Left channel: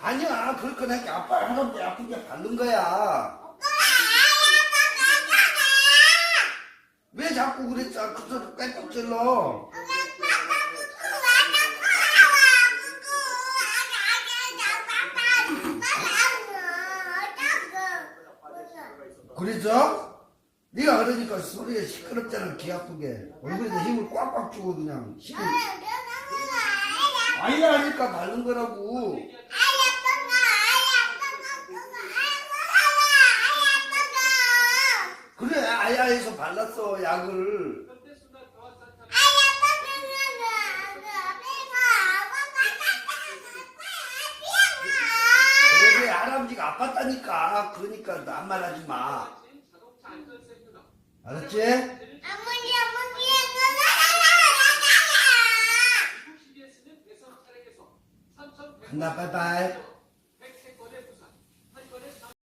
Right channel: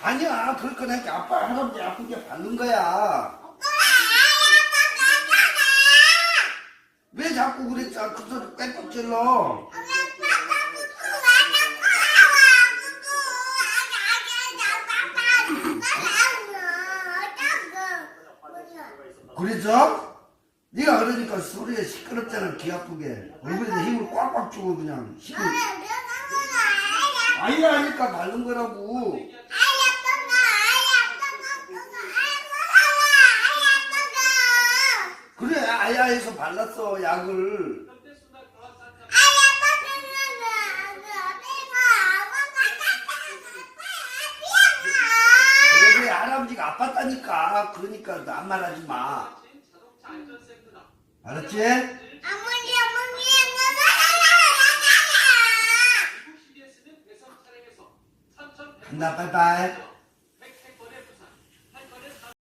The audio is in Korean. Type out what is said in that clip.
아니야 그렇게 나니까 아빠 할아버지 아프게 받는 거야. 왜 자꾸 그랬어? 그 소리 떼고 찔러. 그래서 네가 그러니까 소리가 시끄럽잖아 귀 아프게. 얼굴에 힘을 꽉꽉 주고 그냥. 힘을 아이가 하니까 바른 거라고 그래 아야에서 발랐어 약을. 그래 할아버지가 아팠다니까 그러니까 남 말하지 마 알았지? 간다 빠이빠이